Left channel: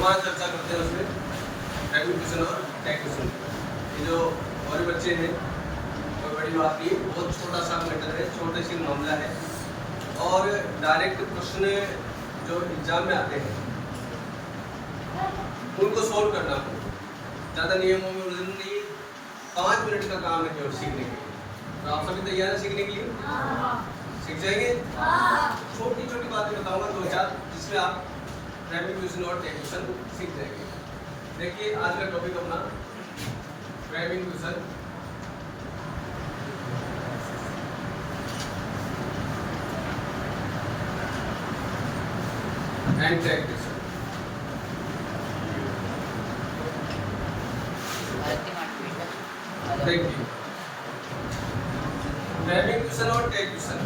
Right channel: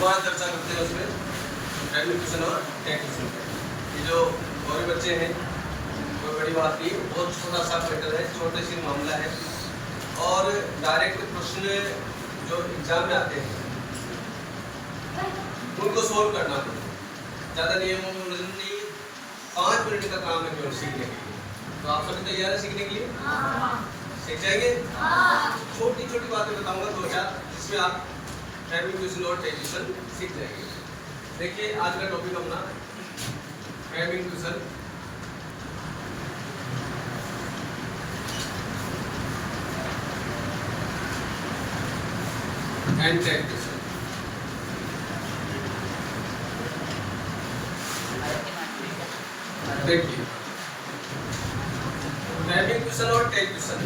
दोबारा चर्चा करते हैं उसमें प्राइमरी क्वेश्चन और टेक क्वेश्चन। ये जो हमारे बच्चे हैं कोई बड़ी बात नहीं, बहुत छोटा सा मैटर है, छोटे सी मामला है और डायरेक्ट प्रश्न जो एग्जाम में आते हैं उनको सोल्व करना पड़ेगा। ज़्यादा नियम नहीं, 5 मिनट का काम है केवल सीखने के लिए। तो आप सभी तैयार हैं सीखने के लिए? सीख जाएंगे? छोटी छोटी बातें बताऊंगा 2-4 जिसमें आप प्राइमरी क्वेश्चन और टेक क्वेश्चन सीख जाएंगे। देखिए आज का टॉपिक अपना primary question and tag question. देखिए प्राइमरी क्वेश्चन और टेक क्वेश्चन,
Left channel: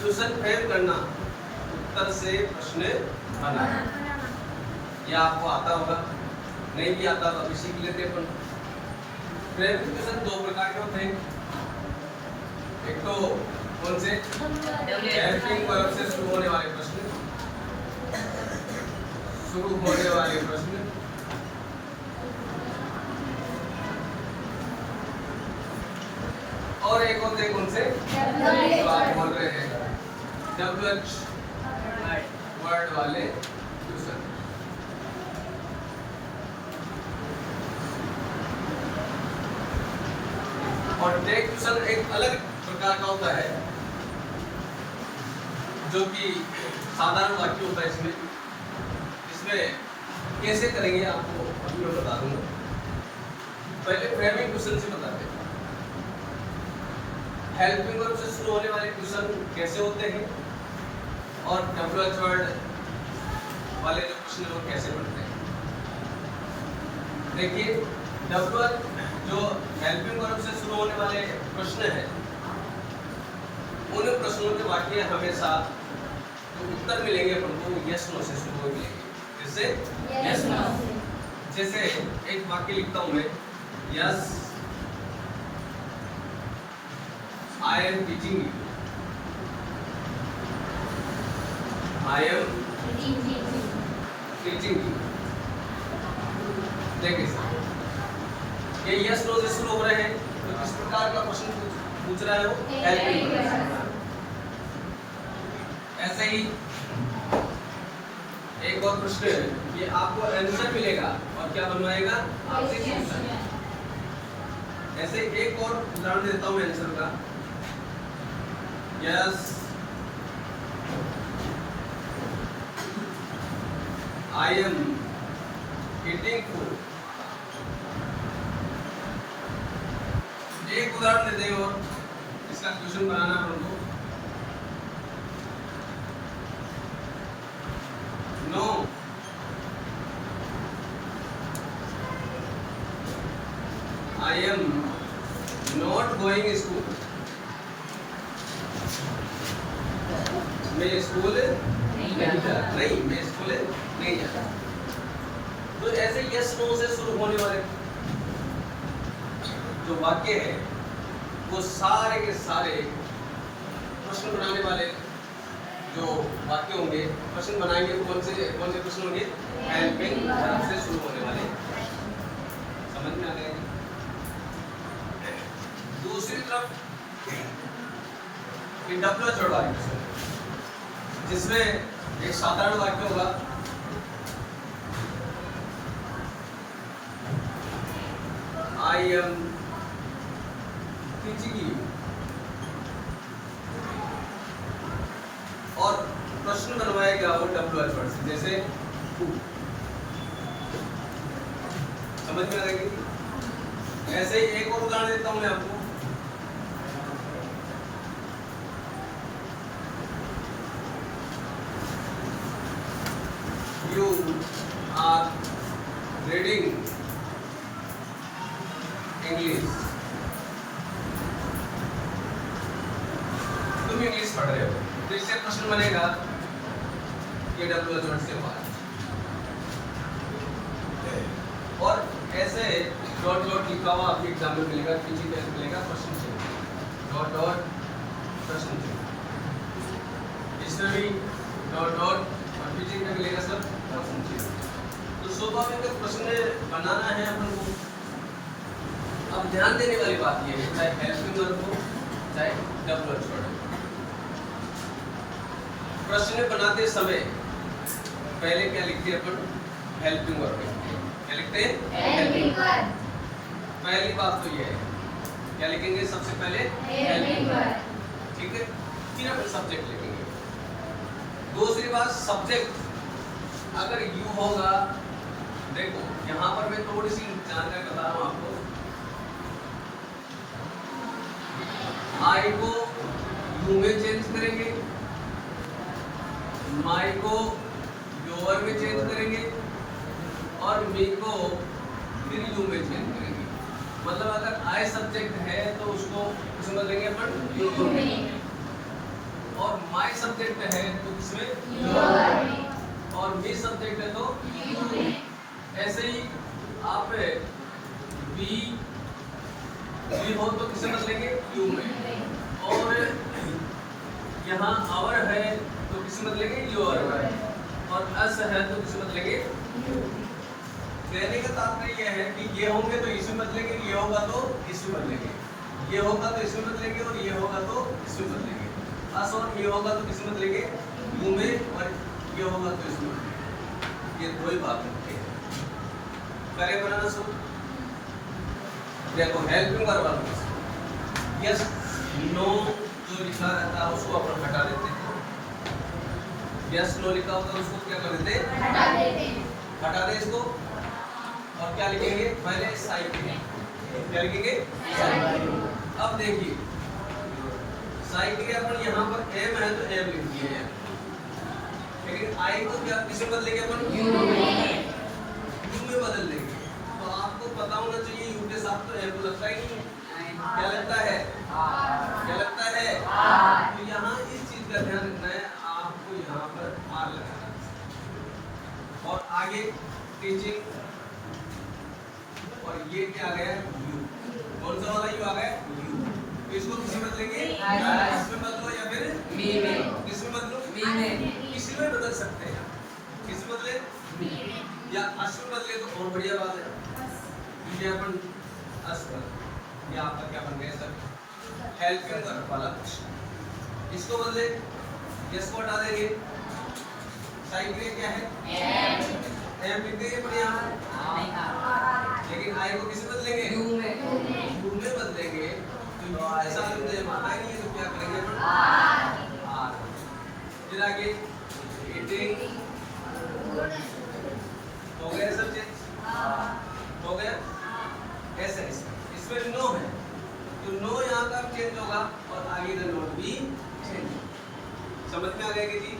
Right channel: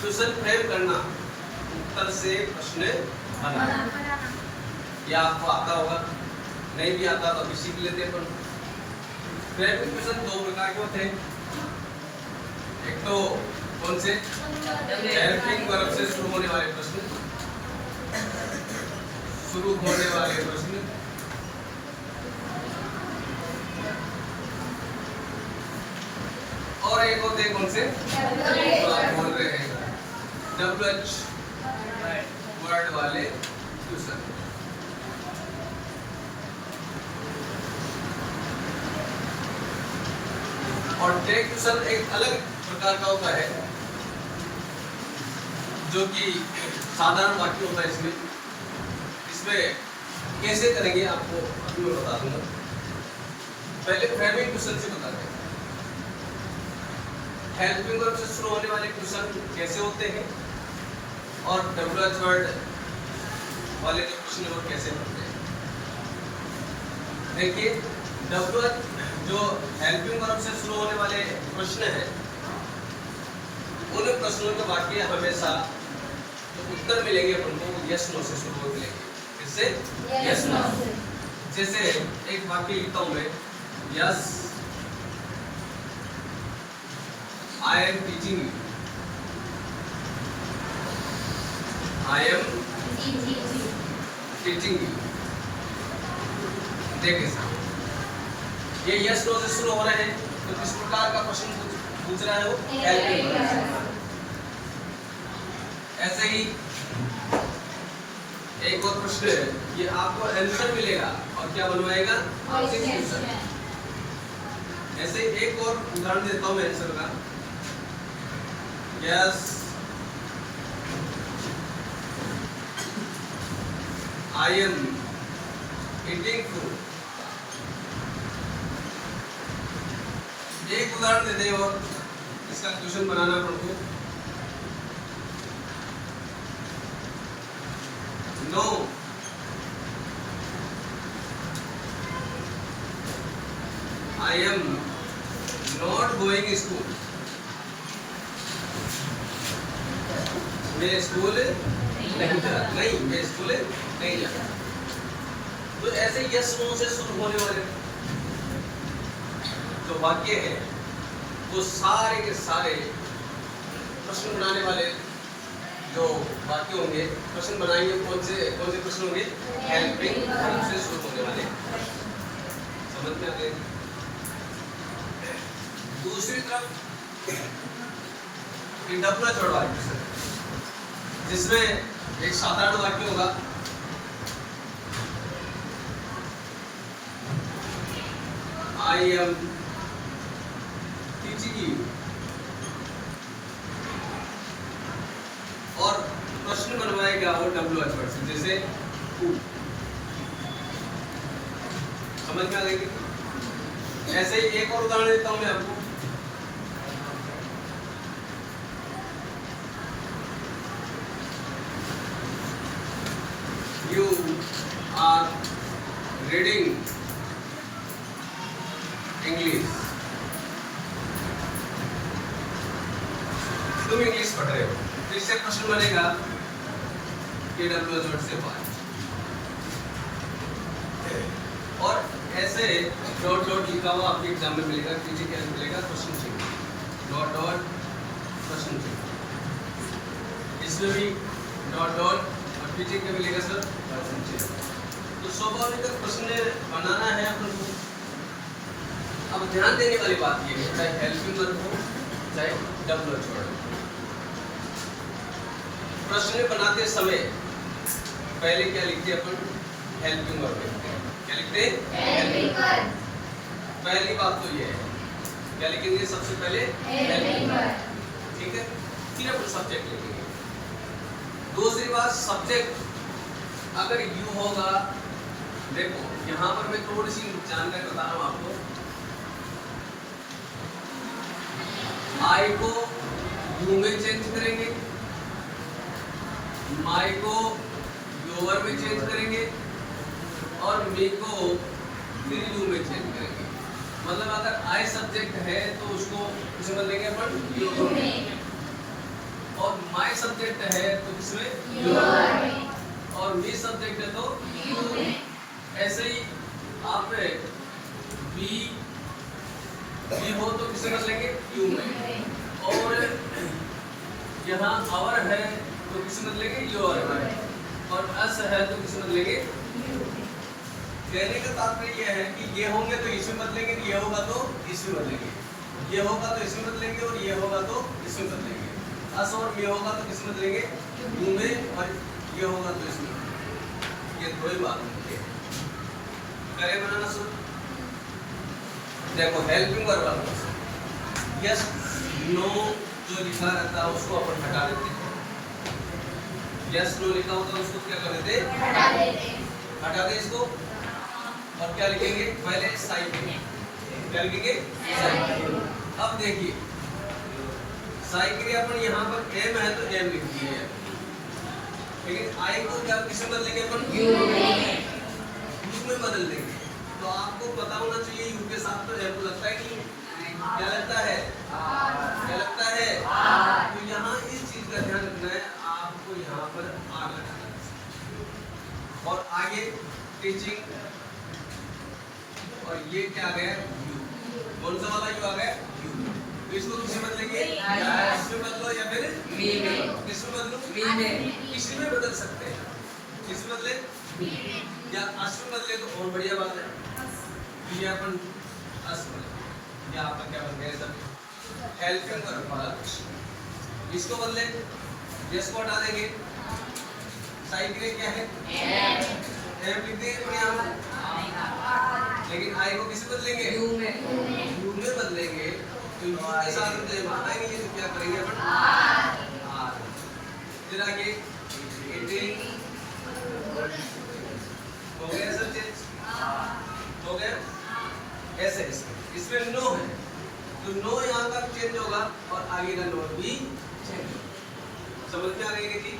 क्वेश्चन फ्रेम करना, उत्तर से प्रश्न बनाना, ये आपको आता होगा, नहीं भी आता तो अभी सीख लेते हैं। प्राइमरी क्वेश्चन 2 प्रकार के होते हैं। एक तो कौन से हेल्पिंग वर्ब से शुरू होने वाले प्रश्न, शुरू होने वाले प्रश्न, और एक होते हैं कौन से तो आप बोल रहे हैं WH वर्ड वाले क्वेश्चन। और टेक क्वेश्चन एक अलग प्रकार का होता है जो कि साधारण वाक्य होता है। इसमें कैसे करेंगे आपको अभी मैं बता दूंगा। पहले फ्रेमिंग क्वेश्चन से बता दें। हेल्पिंग वर्ब से शुरू होने वाले क्वेश्चन कैसे होते हैं और WH वर्ड वाले जो क्वेश्चन है वो कैसे बनते हैं। देखिए WH जो हेल्पिंग वर्ब से शुरू होने वाले प्रश्न हैं उन प्रश्नों के वाक्य हमेशा जो उत्तर मिलेंगे उनको यस नो से शुरू मिलेंगे। इससे यस नो। जैसे एक वाक्य लिखता हूं मैं, yes I am teaching you. I am teaching you. देखिए सर, ये यस नो से शुरू हो रहे हैं तो किस प्रकार का प्रश्न पूछ रहा है वो हेल्पिंग। ऐसे ही एक और प्रश्न है, ये आपको आंसर मिलेगा और क्या बनवाएगा आपसे क्वेश्चन। ऐसे एक और उदाहरण देता हूँ मैं आंसर का। Yes, I am eating food. एक उदाहरण दे दें और इसका क्वेश्चन बनाना हमको। No, I am not going school. मैं स्कूल नहीं जाता। नहीं, मैं स्कूल नहीं जाता। तो ऐसे यस नो से शुरू होने वाले जो वाक्य है वो सारे के सारे प्रश्न बनाने वाले जो वाक्य होंगे, प्रश्न बनाएंगे कौन से प्रश्न होंगे हेल्पिंग वर्ब से शुरू होने वाले। समझ में आ गया? दूसरी तरफ WH वर्ड वाले प्रश्न जिसमें एक साधारण वाक्य होगा, I am teaching you, और प्रश्न बनवाएगा वो WH वर्ड से, जैसे who। समझ में आ गई? ऐसे ही एक और उदाहरण देता हूं मैं आपको। You are reading English. तुम इंग्लिश पढ़ रहे हो तो इससे प्रश्न बनेगा कि WH वर्ड से बात। और ऐसे डॉट डॉट लिखा हुआ आपके एग्जाम में मिलेगा, पीछे क्या मिलेगा प्रश्न चिन्ह, डॉट डॉट प्रश्न चिन्ह। इसमें भी डॉट डॉट और पीछे क्या मिलेगा सर प्रश्न चिन्ह। स्वाभाविक प्रश्न बनाना है अपन को। अब ध्यान देने वाली बात ये है, चाहे हेल्पिंग वर्ब हो चाहे डब्ल्यूएच वर्ड। प्रश्न बनाते समय पहले क्या लिखते हैं अपन? हेल्पिंग वर्ब लिखते हैं। क्या लिखते हैं? Helping verb. पहली बात तो ये है, क्या लिखेंगे सबसे पहले? Helping verb. ठीक है, फिर अपन सब्जेक्ट लिखेंगे। दूसरी बात, सब्जेक्ट अगर यू होगा, देखो यहाँ पर मैं थोड़ी सी जानकारी बता रहा हूँ आपको। आई को यू में चेंज करेंगे, माई को योर में चेंज करेंगे और मी को फिर यू में चेंज करेंगे। मतलब अगर आई सब्जेक्ट है तो उसको किसमें बदलेंगे अपन? यू में। और माई सब्जेक्ट है तो किसमें? योर में। और मी सब्जेक्ट है तो यू में। ऐसे ही आप बी हो तो किसे बदलेंगे? यू में। और यहाँ आवर है तो किसे बदलेंगे? योर में। और अस है तो किसे बदलेंगे? यू में। कहने का तात्पर्य यह है कि ये होंगे तो इसमें बदलेंगे, ये होगा तो इसमें बदलेंगे, ये होगा तो इसमें बदलेंगे और ये होगा तो इसमें बदलेंगे। अस और ये होगा तो किसमें बदलेंगे? यू में। और ये होगा तो इसमें बदलेंगे। ये दो ही बात होती है। करें बनाना सब। देखो हेल्पिंग वर्ब यस नो जो लिखा रहता है उसको अपन हटा देते हैं। यस नो लिखा होता है उसको क्या कर देते? हटा देते हैं। हटा दे इसको और क्या लिखेंगे? पहले साइड लिखेंगे। क्या लिखेंगे? साइड। अब देखिए साइड के लिए अपन यहाँ पर एम है तो एम लिख दिए, लेकिन आई को क्या किसमें बदलेंगे अपन? यू में। यू में बदल देंगे। तो आपको पता होना चाहिए यू के साथ तो एम लगता है नहीं? क्या लगता है? क्या लगता है? तो यहाँ इस चीज का ध्यान रखना है, आपको यहाँ पर आर लगाना है। और आगे टीचिंग, और ये क्या आ गया? यू। कौन सा वाला यू आ गया? यू। तो इसको किसमें बदलेंगे? इसमें बदलो या फिर मी में। किसमें बदलो? मी में। किसी में बदल सकते हैं। किसमें बदले? या अस में बदले तो और बढ़िया बात है। ये अपन अस बदल, या आपका क्या बन गया? सब हेल्पिंग वर्ब वाला क्वेश्चन। इसको बदले, यस को हटा देंगे, साइड के लिए क्या है? एम लिख देंगे अपन यहाँ पर। लेकिन आई को किसमें बदलेंगे? यू में। यू में बदलेंगे तो यू के साथ में जब आएंगे तो क्या करेंगे अपन? आर। फिर आगे एटिंग हो गया सर चेंज? हो गया? ऐसे इसमें नो है तो नो यहाँ का चेंज होगा और आगे का नो भी चेंज। समझ में आ गई कि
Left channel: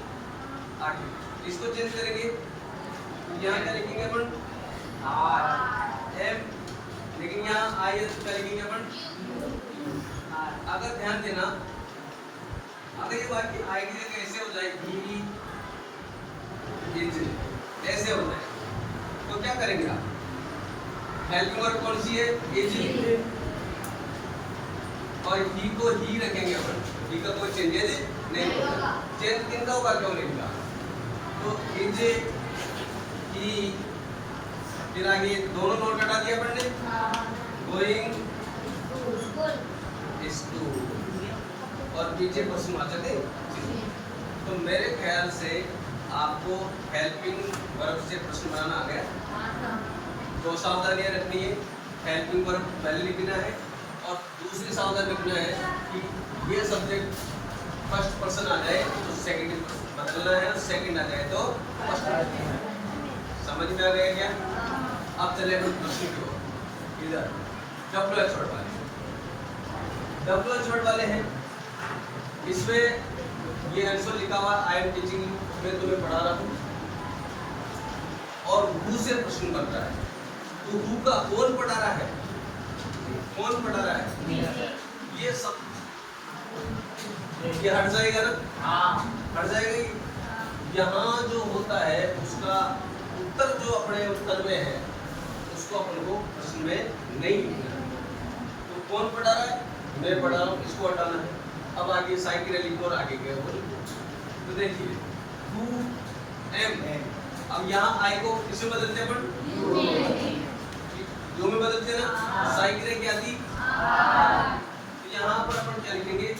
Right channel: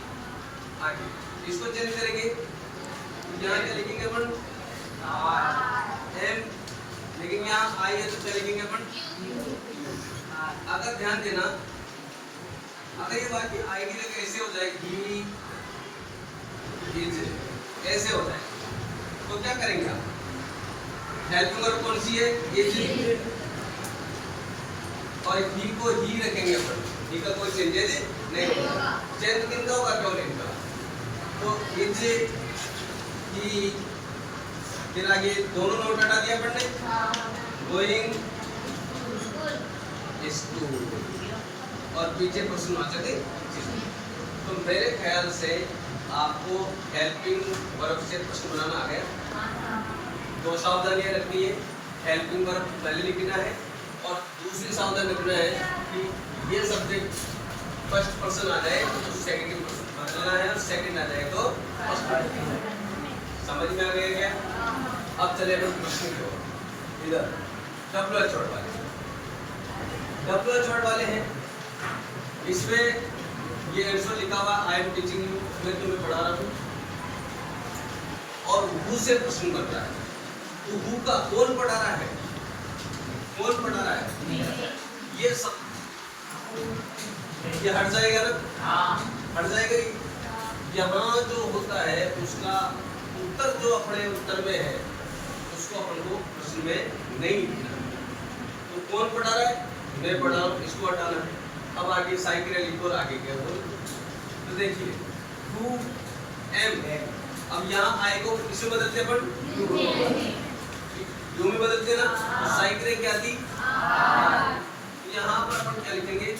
आगे इसको चेंज करेंगे, यहाँ क्या लिखेंगे अपन? R M. लेकिन यहाँ आई है तो क्या लिखेंगे अपन? अगर ध्यान देना, अगर ये बात की आई की जगह कैसे हो जाएगी? ऐसे हो जाएगी तो क्या करेंगे आप? हेल्पिंग वर्ब कौन सी है? इज। और ही को ही रखेंगे अपन। ही का कोई चेंजेस नहीं होगा। चेंज किनका होगा? डोमेन का। तो इज ही, फिर आगे दोनों नोट हटा दिया अपन ने। गोइंग स्कूल और पीछे पर्सनवाचक है। तो मेरे ख्याल से आपको हेल्पिंग वर्ब से प्रश्न बनाना आ गया। दो सावधानियां रखनी है, हेल्पिंग वर्ब पहले लिखना है और दूसरी सावधानी रखना है कि ये सब्जेक्ट फर्स्ट पर्सन आ जाए तो सेकंड पर्सन बदलना है, और सेकंड आ जाए तो फर्स्ट। समझ में आ गया क्या? अब चले हम प्रश्न की ओर। इधर डब्ल्यूएच वर्ड वाले, डब्ल्यूएच वर्ड वाले हैं। इसमें ये आंसर लिखा हुआ आई एम टीचिंग यू, मैं तुम्हें पढ़ा रहा हूँ, और हु से प्रश्न बन रहा है। तो हु का कौन पढ़ा रहा है? कौन पढ़ा रहा है? ये सब ये हट जाएगा ना? हट जाएगा ही। यहाँ जो होता है उसका उत्तर जो अपने उत्तर में है उसको अपन को प्रश्न में नहीं लिखना है। तो कौन पढ़ा रहा है? मैं पढ़ा रहा हूँ, इसको हटाना है। अब आगे साइकिल लिखो और आगे क्या बोल। तो देखिए हु एम है, अब यहाँ आई को किस में बदलते अपन? यू में बदलते ना। साई क्रिया क्या थी? तो यहाँ पर अपन क्या लिखेंगे?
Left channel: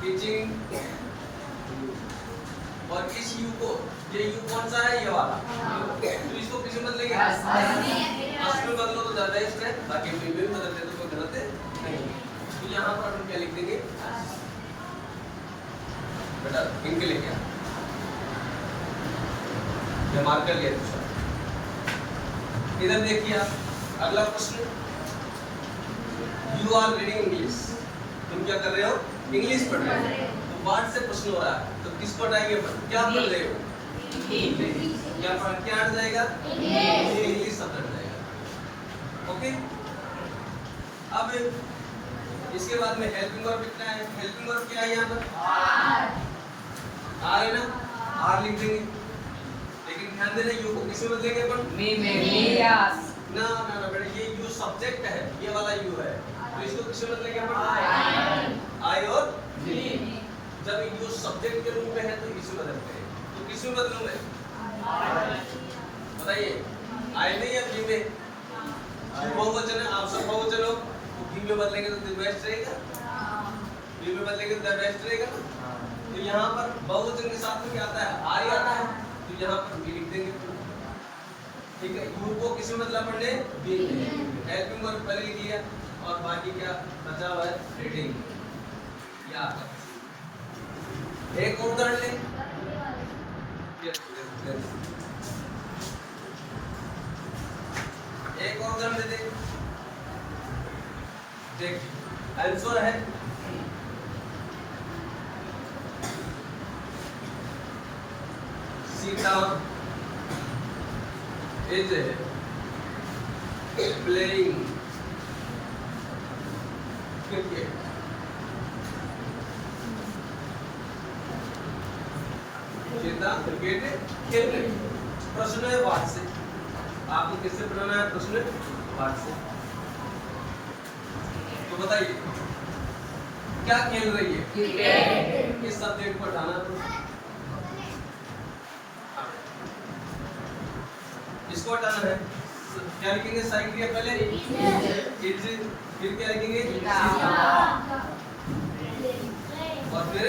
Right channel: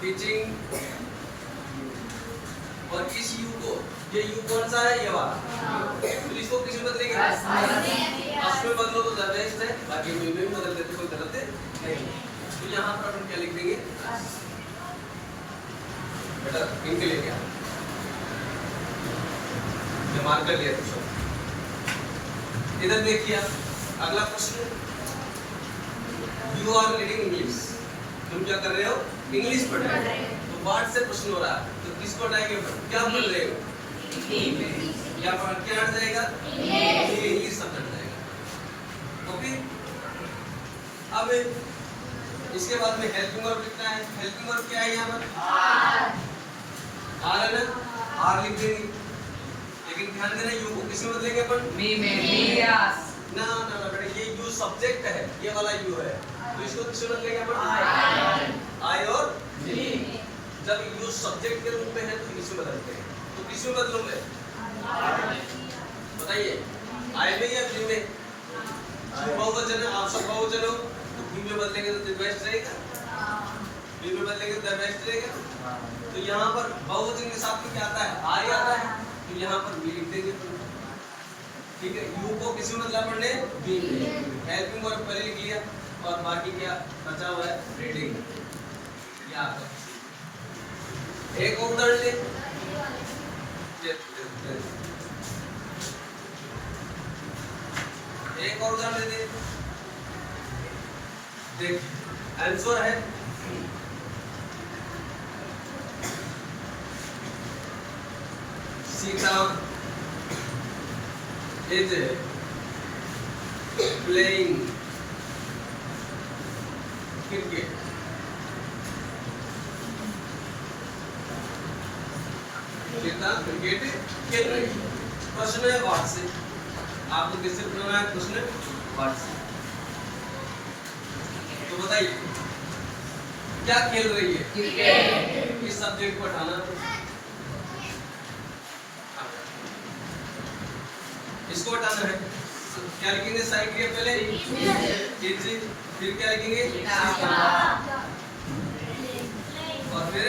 टीचिंग। और इस यू को, ये यू कौन सा है? ये वाला। तो इसको किस में बदलेंगे? अस में बदलो तो ज्यादा बेस्ट है, बाकी में भी बदलते तो कोई गलत नहीं। तो यहाँ पर अपन क्या लिख देंगे? बेटा इनके लिए क्या ये मार्कर लिया दूसरा। इधर देखिए अगला प्रश्न, यू आर रीडिंग इंग्लिश। तुम क्या कर रहे हो? इंग्लिश पढ़ रहे हो। तो वर्ड से प्रश्न हो रहा है, तो किसको हटाएंगे? क्या पढ़ रहे हो? या पर क्या हट जाएगा? इंग्लिश शब्द हट जाएगा। ओके। अब इसके बाद में हेल्पिंग वर्ब कितना है? हेल्पिंग वर्ब क्या है यहाँ पर? आर है ना, आर लिख देंगे। लेकिन ध्यान देना यू को किस में बदलेंगे अपन? ना ना ना बेटा, ये यू सब्जेक्ट है, ये वाला यू है, तो इसको किस में बदलेंगे अपन? आई और जब यू सब्जेक्ट के रूप में है तो किस में बदलते हैं? तो किस में बदलूंगे? बताइए, आई में या वी में? बहुवचन है, आप सब बहुवचन हो, तो वी में बदलेंगे तो द बेस्ट रहेगा, वी में बदलेंगे तो द बेस्ट रहेगा। तो यहाँ पर बहुवचन के साथ में क्या आता है? आई आता है, तो यहाँ पर वी लिख देंगे। ठीक है, यू को किस में बदला पढ़ने? वी में। हेल्पिंग वर्ब पहले लिख लिया, और बाकी क्या बचा हुआ है? रीडिंग। या एक उदाहरण ले, एक और उदाहरण ले दे। देख आंसर है Sita is playing cricket। Sita cricket खेल रही है। प्रश्न है वाट से, आपको किससे बनाना है प्रश्न? वाट से। तो बताइए क्या खेल रही है? क्रिकेट। इस सब्जेक्ट को हटाना, इसको हटाना है। क्या लिखेंगे? साई क्रिया पहले इज, फिर क्या लिखेंगे? और फिर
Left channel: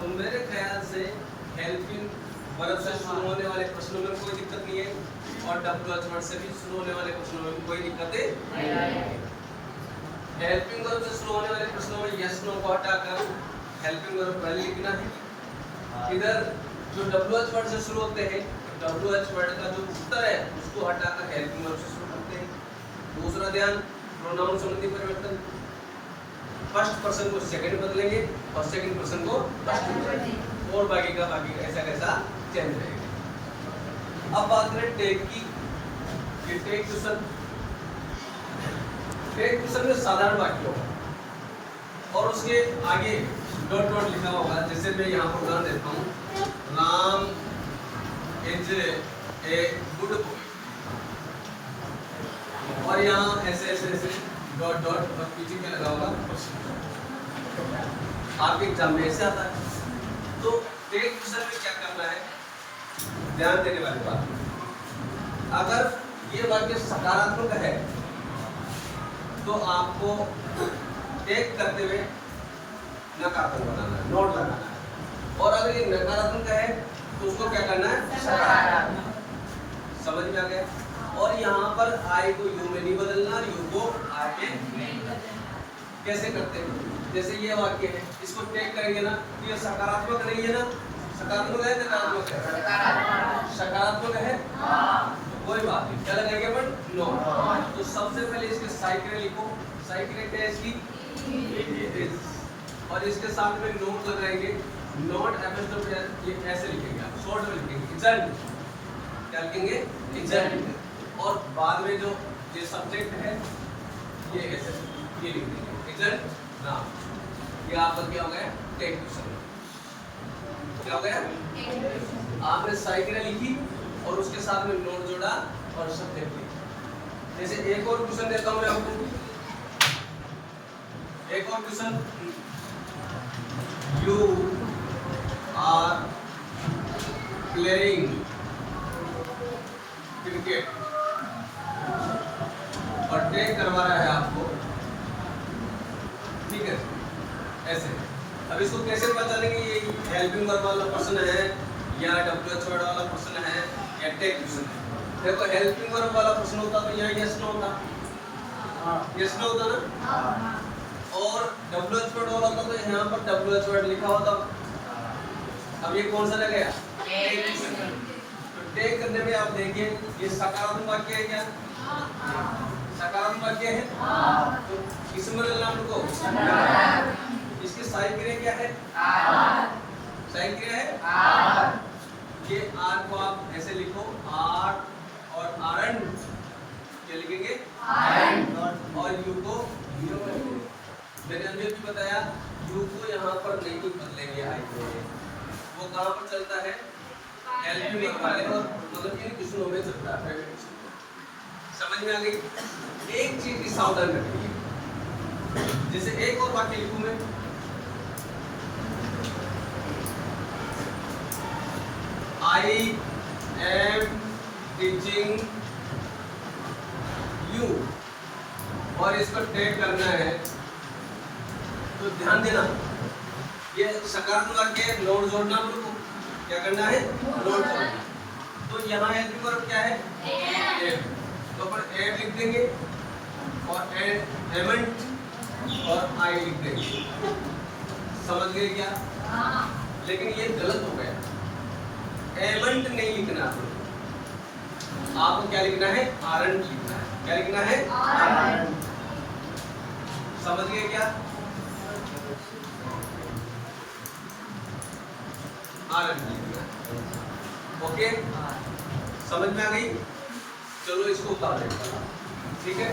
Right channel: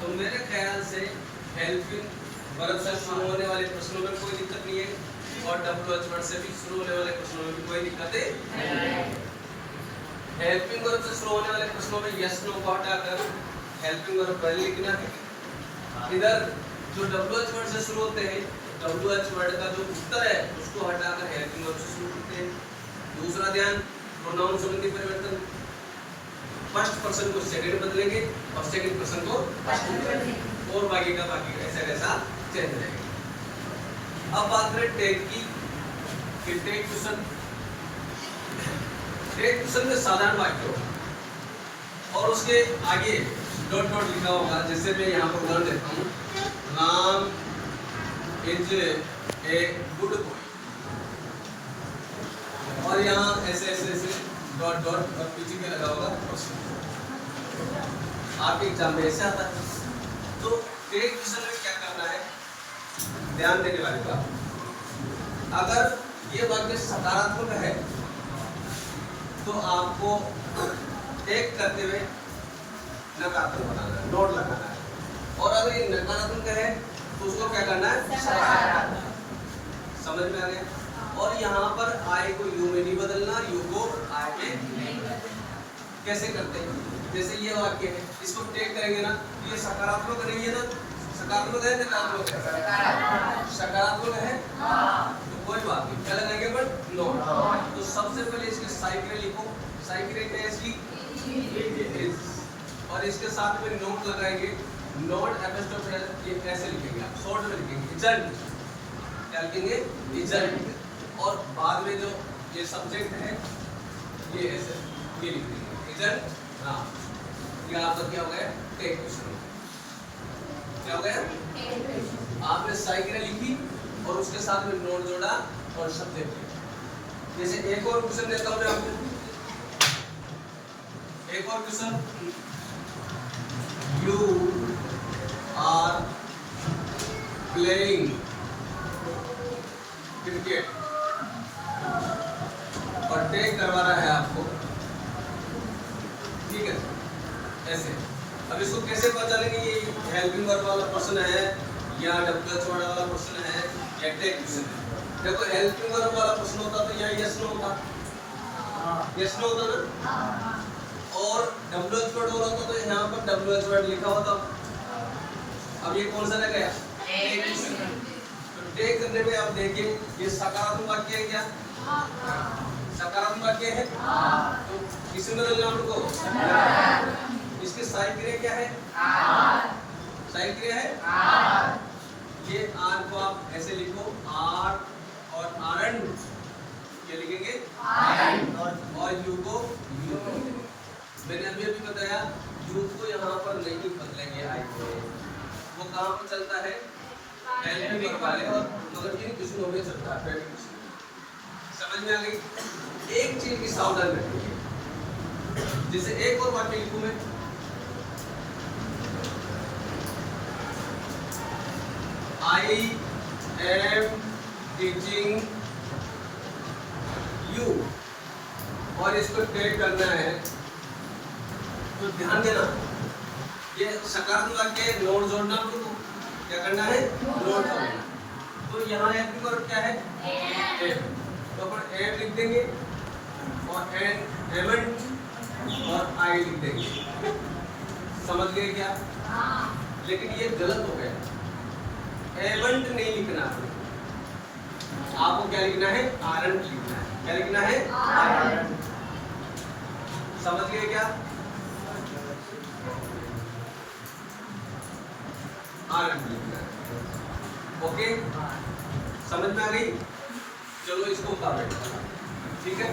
तो मेरे ख्याल से हेल्पिंग वर्ब से शुरू होने वाले प्रश्नों में कोई दिक्कत नहीं है, और डब्ल्यूएच वर्ड से भी शुरू होने वाले प्रश्नों में भी कोई दिक्कत नहीं है। हेल्पिंग वर्ब से शुरू होने वाले प्रश्नों में यस नो को हटाकर हेल्पिंग वर्ब पहले लिखना है। इधर जो डब्ल्यूएच वर्ड से शुरू होते हैं, डब्ल्यूएच वर्ड का जो उत्तर है उसको हटाकर हेल्पिंग वर्ब से शुरू करते हैं। दूसरा ध्यान, प्रोनाउन संबंधी परिवर्तन, फर्स्ट पर्सन को सेकंड बदलेंगे और सेकंड पर्सन को फर्स्ट बदलेंगे, और बाकी का ऐसा कैसा चेंज रहेगा। अब बात करें टेक की, कि टेक क्वेश्चन में साधारण वाक्य होगा और उसके आगे डॉट डॉट लिखा होगा। जैसे मैं यहाँ पर उदाहरण देता हूँ, Ram is a good boy, और यहाँ ऐसे ऐसे ऐसे डॉट डॉट और पीछे क्या लगा होगा क्वेश्चन। आपके एग्जाम में ऐसे आता है। तो टेक क्वेश्चन में क्या करना है, ध्यान देने वाली बात, अगर ये वाक्य सकारात्मक है तो आपको टेक करते हुए नकारात्मक बनाना है, नोट लगाना है, और अगर ये नकारात्मक है तो उसको क्या करना है? सकारात्मक। समझ में आ गया? और यहाँ पर आई को यू में नहीं बदलना, और यू को आई में नहीं बदलना। कैसे करते हैं? जैसे ये वाक्य है, इसको टेक करेंगे ना, ये सकारात्मक नहीं है ना, सकारात्मक है नकारात्मक है? सकारात्मक है तो कोई बात नहीं, क्या लगाएंगे अपन? नोट। तो सबसे पहले इसके साई क्रिया लिखो। साई क्रिया क्या है इसकी? और इसके साथ में नोट लगाएंगे, नोट एपोस्ट्रोफी, ये ऐसे लिखेंगे आप, शॉर्ट में लिखेंगे इजंट। क्या लिखेंगे? इजंट। और बाद में जो ये सब्जेक्ट है ये ऐसे ये लिख देंगे इजंट ना। ये आपका क्या हो गया? Tag question. क्या हो गया? आपने साई क्रिया लिखी और उसके साथ में नोट जोड़ा और सब्जेक्ट लिखा। जैसे एक और क्वेश्चन देता हूं मैं आपको, एक और question, you are playing cricket, और टेक करवा रहा है आपको, ठीक है। ऐसे अब इसको कैसे पता चलेंगे ये हेल्पिंग वर्ब वाला क्वेश्चन है या डब्ल्यूएच वर्ड वाला क्वेश्चन है या टेक क्वेश्चन है। देखो हेल्पिंग वर्ब वाला प्रश्न होता तो यहाँ यस नो होता, यस नो होता ना, और डब्ल्यूएच वर्ड वाला होता तो यहाँ पर डब्ल्यूएच वर्ड लिखा होता। अब ये कौन सा लग गया, टेक क्वेश्चन। तो टेक करने पे आप देखिए ये सकारात्मक वाक्य है क्या, सकारात्मक वाक्य है, तो किसमें बदलना हमको, इसकी सहायक क्रिया क्या है, सहायक क्रिया है। ये आर को आप ऐसे लिखो, आर और आरन क्या लिखेंगे, और यू को यू। मैंने अभी अभी बताया यू को यहाँ पर नहीं बदलेंगे, आई को वो कहाँ पर चलता है, हेल्पिंग वर्ब वाले, और मतलब इन क्वेश्चनों में चलता है। समझ में आ गई। एक चीज की सावधान रखिए, जैसे एक और वाक्य लिखूं मैं, I am teaching you, और इसको टेक करना है तो ध्यान देना ये सकारात्मक वाक्य नोट जोड़ना, हमको क्या करना है, नोट जोड़ना। तो यहाँ हेल्पिंग वर्ब क्या है, एम, तो अपन एम लिख देंगे और एमेंट और आई लिख देंगे। समझ गए क्या, लेकिन ये गलत हो गया, एमेंट नहीं लिखना आपको, क्या लिखना है, आरंट लिखना है। क्या लिखना है, आरंट। समझ गए क्या, आरंट लिखना है। ओके, समझ में आ गई। चलो इसको उतारो, ठीक है।